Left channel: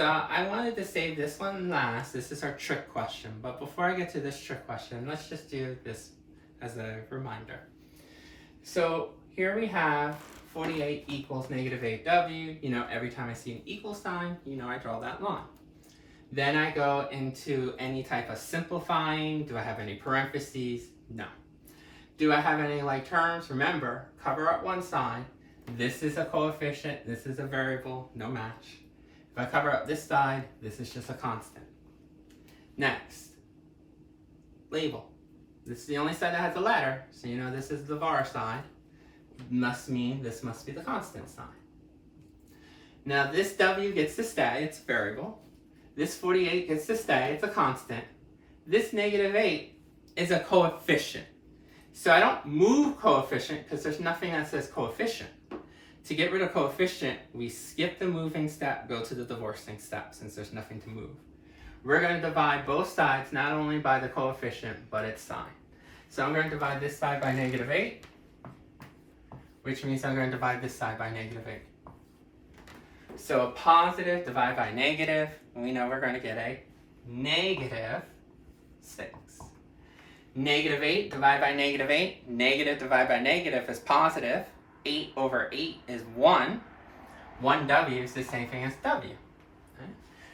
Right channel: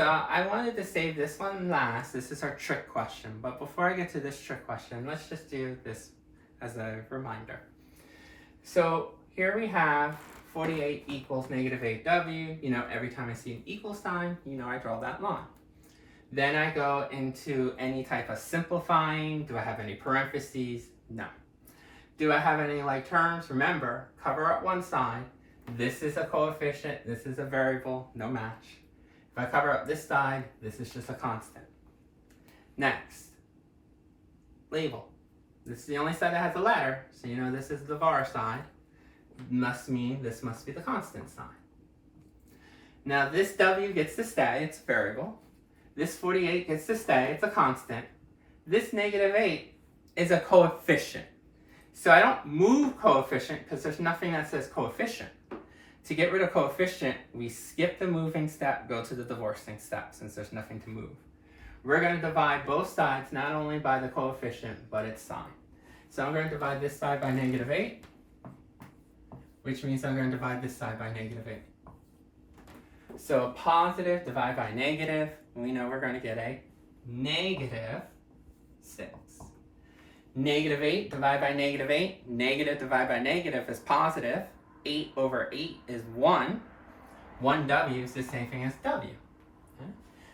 So I wanted to save this one last. This is our trick question. But before I get to this trick question, let's just do this as a reminder. So here we have 48 equals negative 8w. You know, every time I see an equal sign, you know I draw that line. Then I go into any type of simplifying. Do I have any parentheses? No. Do I have any like terms? Remember, cover up one side. This is a coefficient, this is a variable, no match. If I cover up this side, this is just a constant. Next, label. This is the only side that has a letter, so you know this is the var side. Must mean this must be the constant sign. Now this w gets to stay, it's a variable. This 48 gets to stay, it's a constant. This negative 8 is a coefficient. So I don't move coefficient because there's nothing that says coefficient. To get rid of coefficient, we skip the moving step, go to the divorcing step since there's nothing to move. We're going to divide both sides not only by the coefficient, but its sign. So I'm going to divide this side by negative 8, which means I'm going to divide this side by negative 8. So a positive divided by negative, we know we're going to get a negative 6. Negative 8 divided by negative 8. Negative divided by negative is positive. 8 over 8 is 1. 1w is the same thing as w. Okay?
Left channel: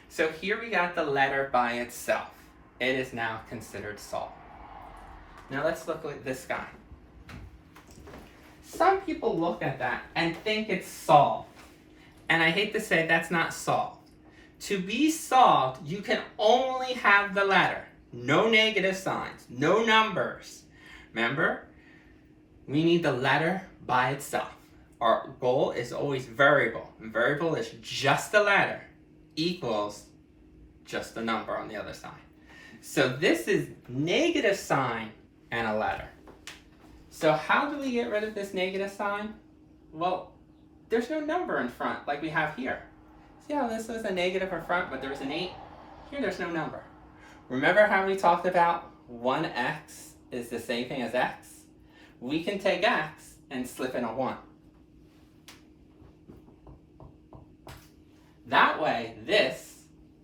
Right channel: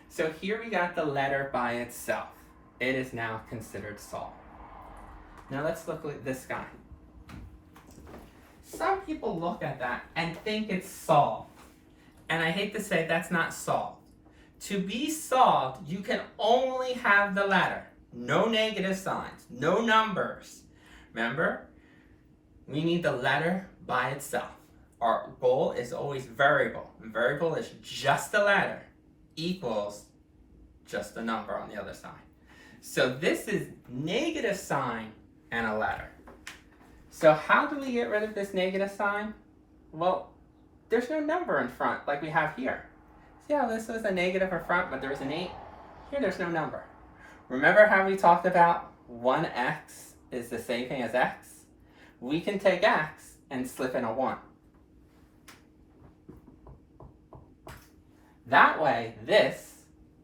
So here we got the letter by itself. It is now considered solved. Now let's look at this guy. Some people look at that and think it's solved. And I hate to say that's not solved. To be solved, you can only have the letter. No negative signs, no numbers. Remember, we need the letter by itself. Our goal is always variable. Variable is just the letter equals just the number on the other side. So this is negative sign and a letter. So how do we get rid of this negative sign? Well, there's no number in front like we have here. See how this was a negative in front, but there's an 8? Here there's no number. Remember how we talked about 1x is the same thing as x? We can take x and slip in a 1. That way, this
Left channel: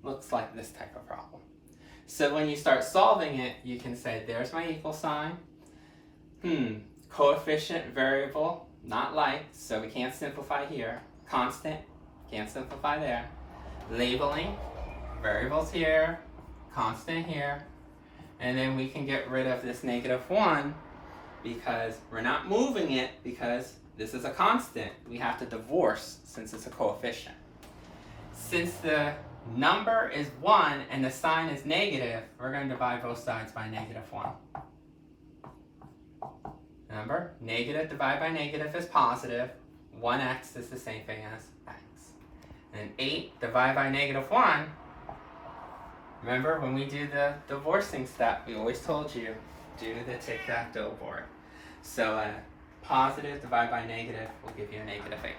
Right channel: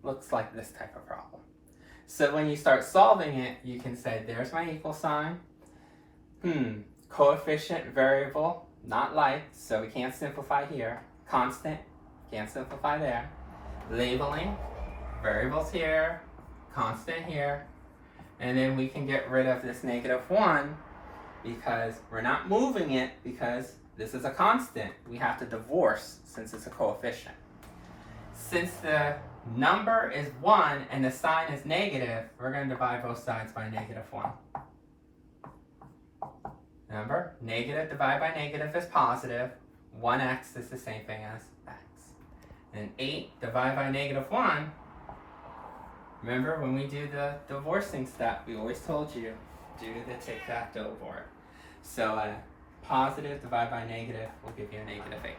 looks like this type of problem. So when you start solving it, you can say, there's my equal sign. Coefficient, variable, not like, so we can't simplify here. Constant, can't simplify there. Labeling, variables here, constant here. And then we can get rid of this negative 1 because we're not moving it because this is a constant. We have to divorce since it's a coefficient. Since the number is 1 and the sign is negative, we're going to divide both sides by negative 1. Remember, negative divided by negative is positive. 1x is the same thing as x. And 8 divided by negative 1, remember when we do the divorcing step, we always told you, do the tic-tac-toe board. So positive divided by negative will give you a negative 8.